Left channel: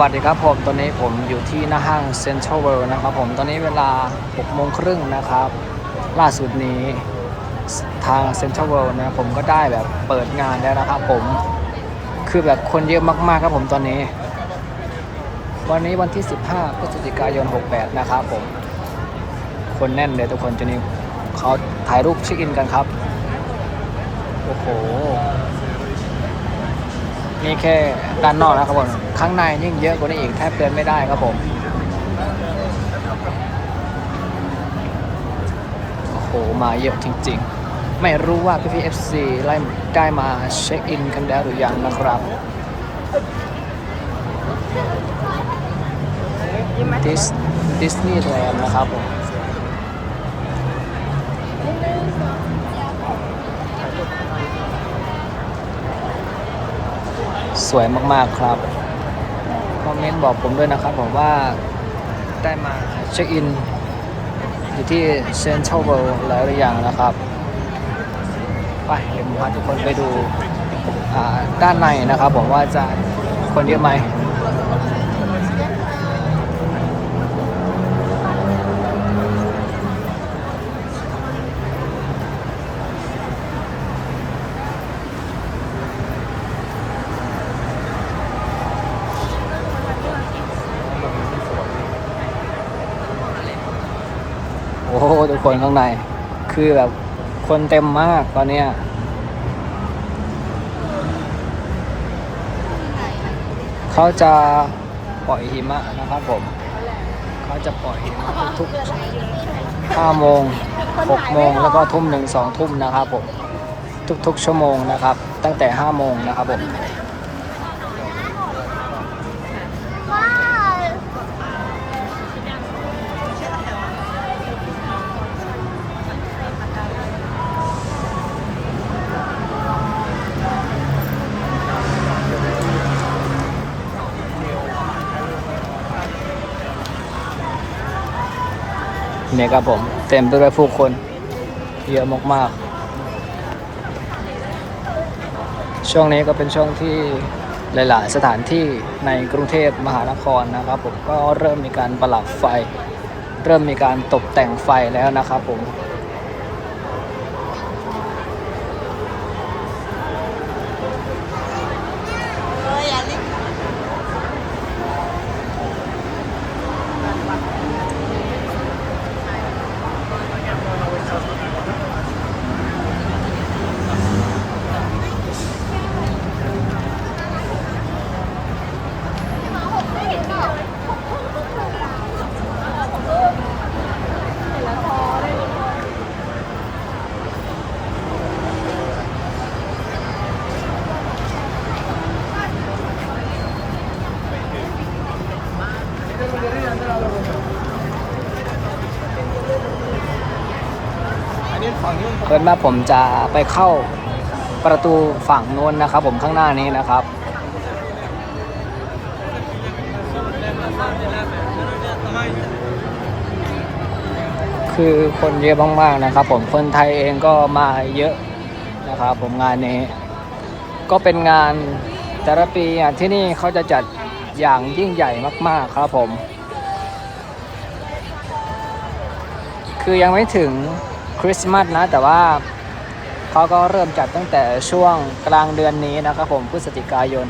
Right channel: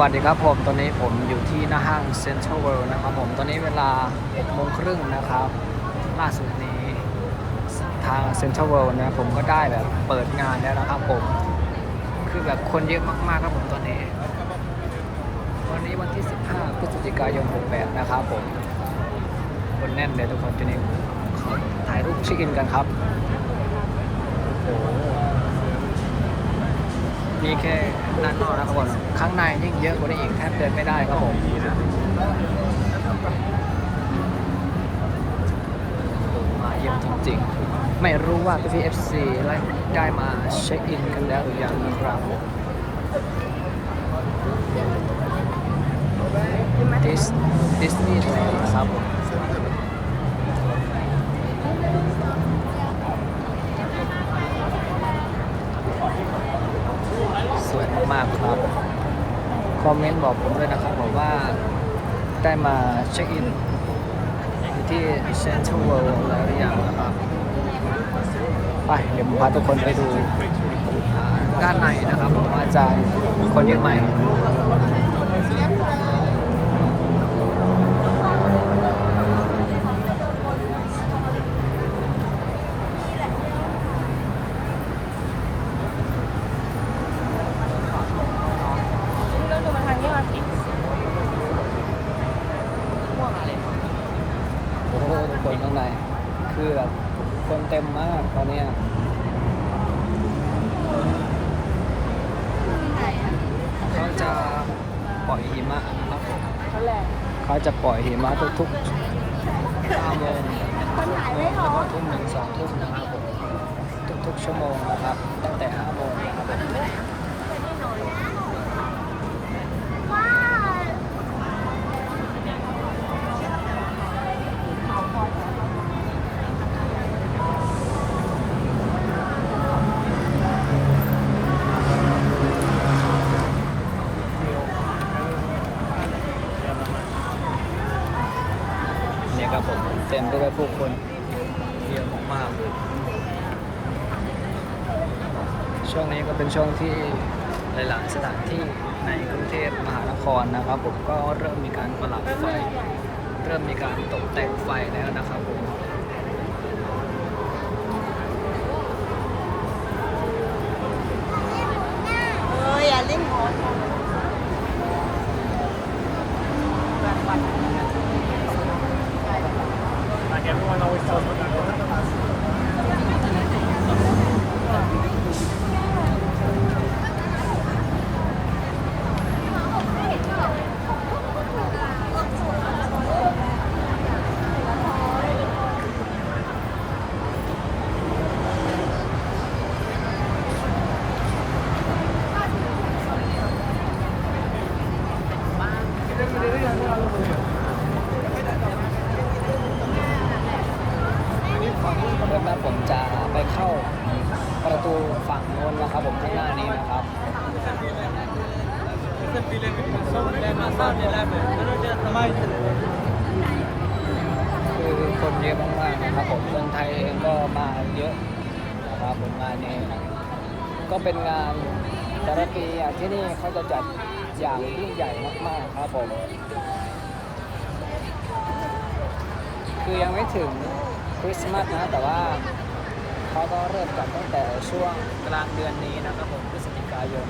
วัสดีครับผมตอนนี้ผมอยู่ที่หน้าห้างเซ็นทรัลเวิลด์นะครับผมตอนนี้เวลา6โมงครึ่งนะครับ ล่าสุดนี้ทางเซ็นทรัลเวิลด์นะผมก็ได้แบบเปิดงานแล้วนะครับผมคือแบบคนเยอะมากๆครับผมตอนนี้ วันนี้วันที่ 15พฤศจิกายน 68 นะครับผม คนแน่นเลยทุกคนทีนี้เขาถ่ายรูปเช็คอินกันครับ โอ้โห นี่แค่ด้านนอกนะครับผม ข้างในยิ่งเยอะกว่านี้อีกแทบเดินไม่ได้ครับผมโอ้โหมาเยอะจริง ๆ ไม่รู้ว่าพี่พีเอฟซีไล่ได้มาเช็คอินกันแล้วหรือยังนะครับ ดิสดิสนีย์แลนด์นะครับผม สวยมากๆครับ คอมเมนต์บอกผมด้วยนะครับผมว่าได้มาเช็คอิน อยู่ที่เซ็นทรัลเวิลด์แล้วหรือยังนะครับ ไปเดี๋ยวผมพาทุกคนไปดูอ่าด้านในนะครับผมว่าจะคนเยอะไหม คนข้างใน คือแบบคนเต็มมากตอนเนี้ยเขาจะปล่อยหิมะนะครับผม เขาจะปล่อยหิมะทุกๆ5โมง6โมงแล้วก็ทุ่มหนึ่งสองทุ่มนะครับผม ทุกๆชั่วโมงนะครับ ตั้งแต่5โมงนะครับผม เนี่ยครับผมเต็มไปด้วยผู้คนเยอะมากๆ ช่วงนี้ก็เป็นช่วงที่หลายๆ สถานที่ในกรุงเทพมหานครนะครับ ผมก็เริ่มมีการประหลับไฟ เริ่มมีการตกแต่งไฟแล้วนะครับผม เปิดมา ผมจะไปเข้าประตูฝั่งโน้นนะครับ ผมข้างหน้านี้นะครับ คือคนเยอะมากๆนะครับ ผมคนไทยเองก็มาเยอะนะครับผมงานนี้ ก็เป็นงานแต่ละปีที่นี่เขาจะจัดอย่างยิ่งใหญ่มากๆครับผม คือยังไม่ถึงคริสต์มาสนะแต่ว่า เขาก็เริ่มจัดตั้งแต่ช่วงกลางเดือนนี้นะครับผมพฤศจิกายน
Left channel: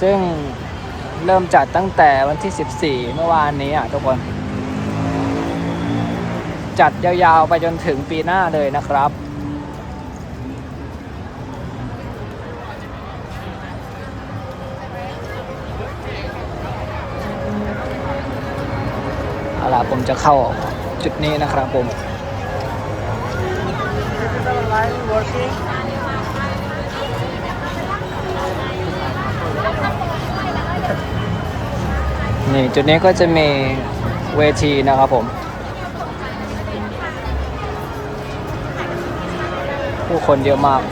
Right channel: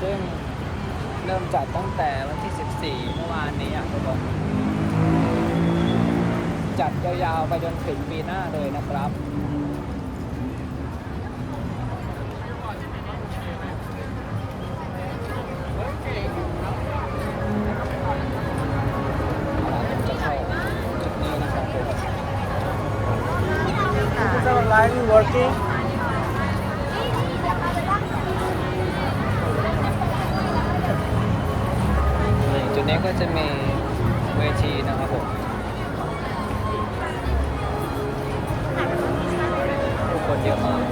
ซึ่งเริ่มจัดตั้งแต่วันที่ 14 เมื่อวานนี้อะทุกคน จัดยาวๆไปจนถึงปีหน้าเลยนะครับเอาล่ะผมจะเข้าจุดนี้นะครับผม นี่จุดนี้ก็จะมีเวทีนะครับผมผู้คนเยอะมาก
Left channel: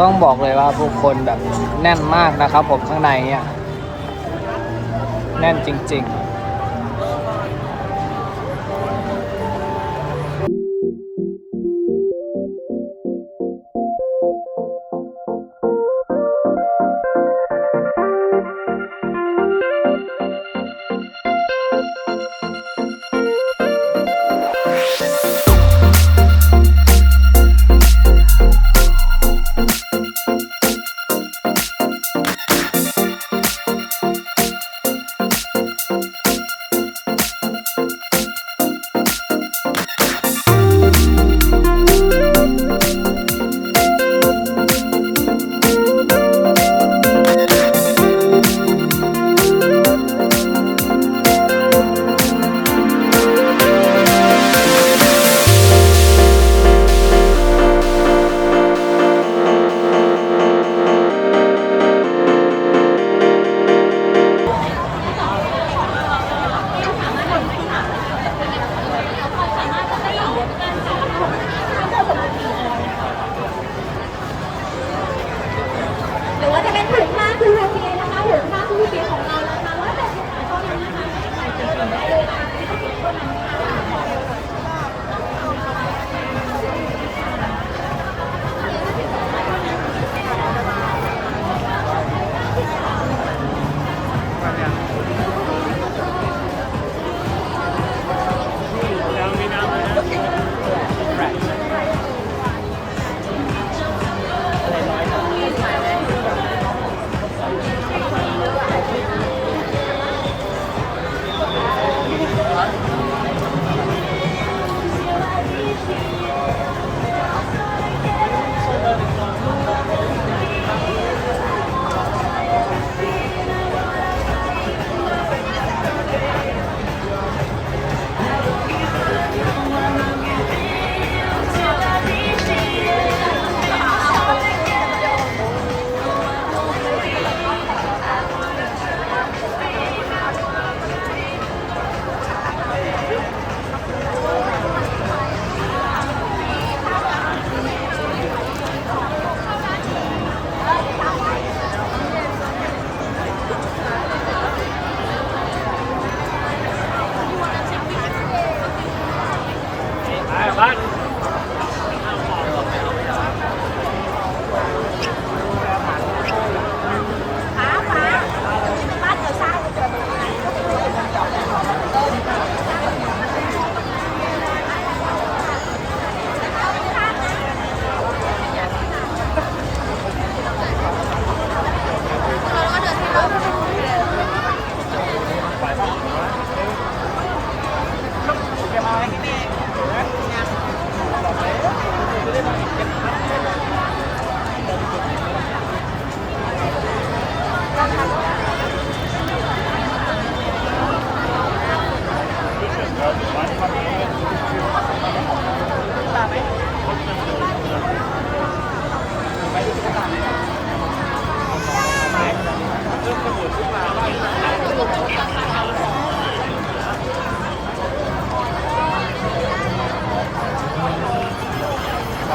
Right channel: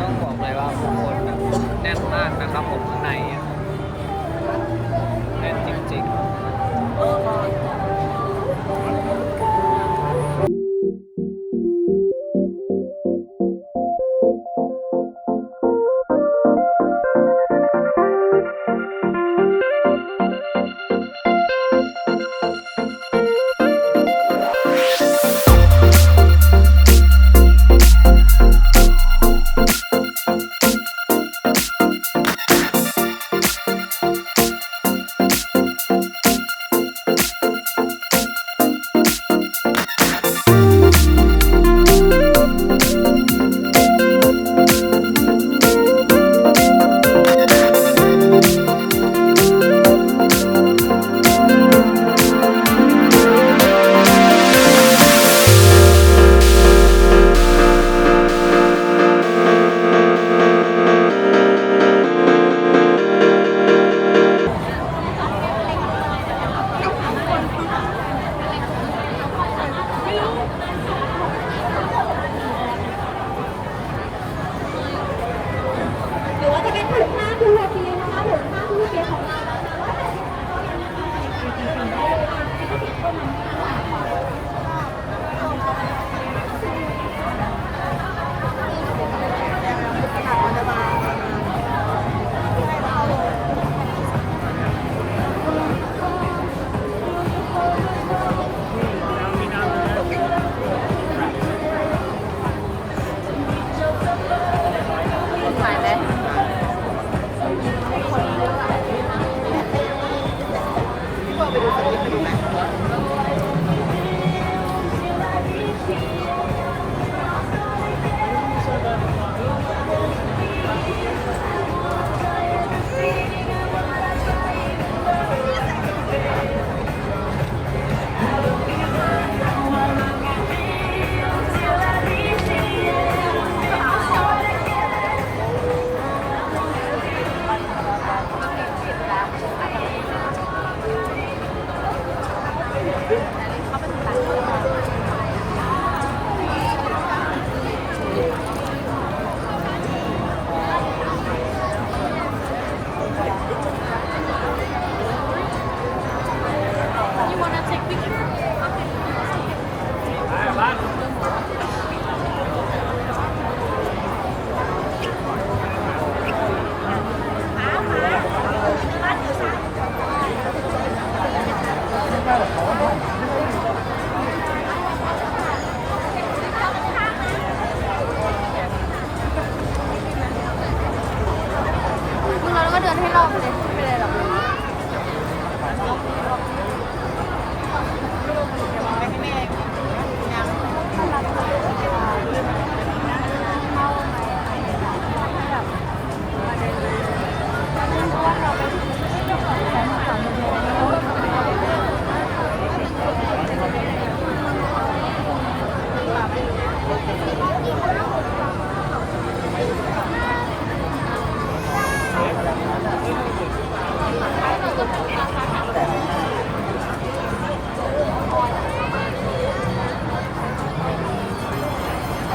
ต้องบอกเลยว่าผู้คนแบบแน่นมากนะครับผมข้างในเนี่ยแน่นจริง ๆ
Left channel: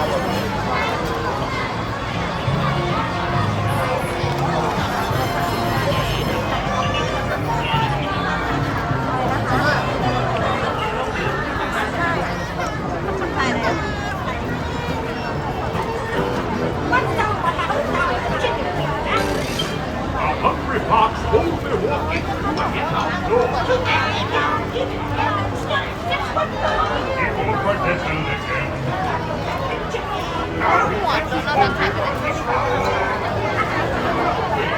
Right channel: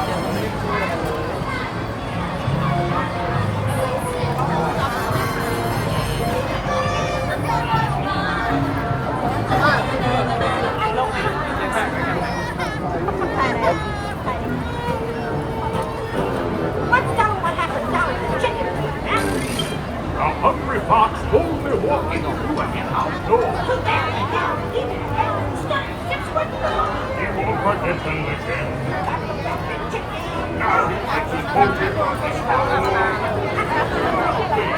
Get the part that's in the be walking through the outdoors.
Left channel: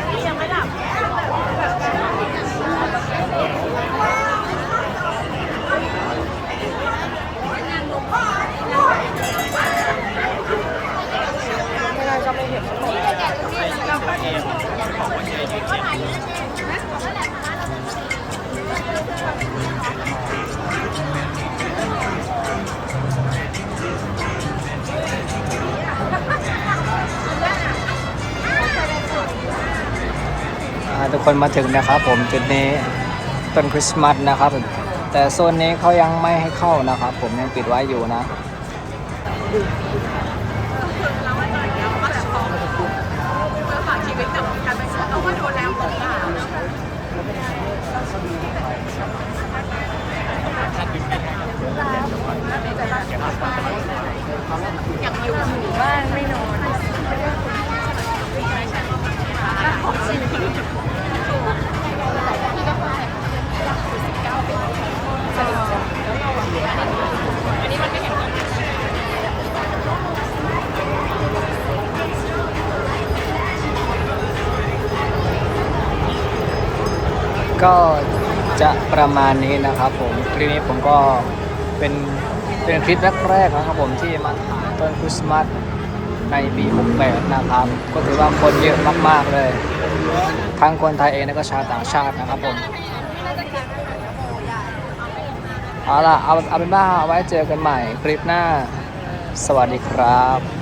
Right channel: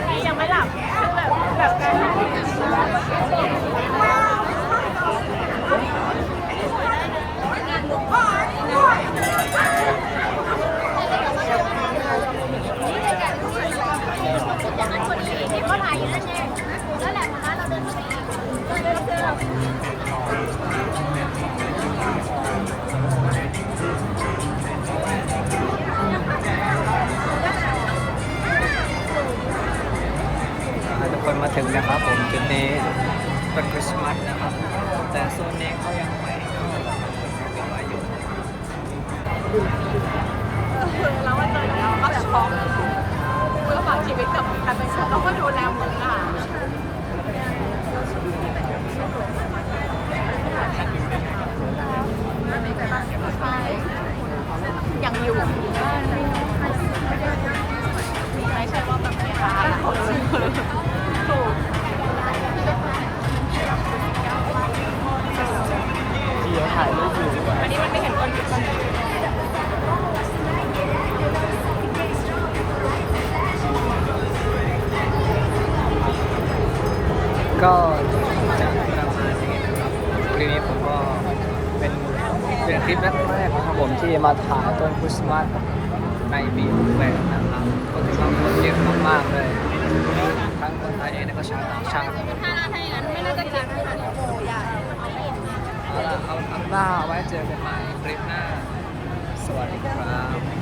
Give him a definition. อ่าทุก คนมาถึงนะครับ ผมจุดนี้ต้นคริสต์มาสนะครับ แต่โซนนี้เขายังไม่ให้เข้านะครับ ผมยังปิดไว้อยู่นะคือเราว่าใจเราก็แบบพอเมื่อผ่านชีวิตกับการเป็นคนเราก็ดูแลเหมือนอะเราชีวิตที่เป็นชีวิตอย่างเลยว่าไม่ได้ไม่ได้ ประมาณนี้นะครับผมคลิปนี้ผมก็เป็นเป็นคลิปแรกๆนะครับผมที่มาถ่ายต้นคริสต์มาสในปี68นะครับ ก็ถือว่าคนเยอะมากๆเลย ทั้งคนไทยเองและก็ชาวต่างชาตินะครับผมเอาล่ะเอาเอาเป็นว่าเอาไว้เจอกันใหม่คลิปหน้า สวัสดีครับ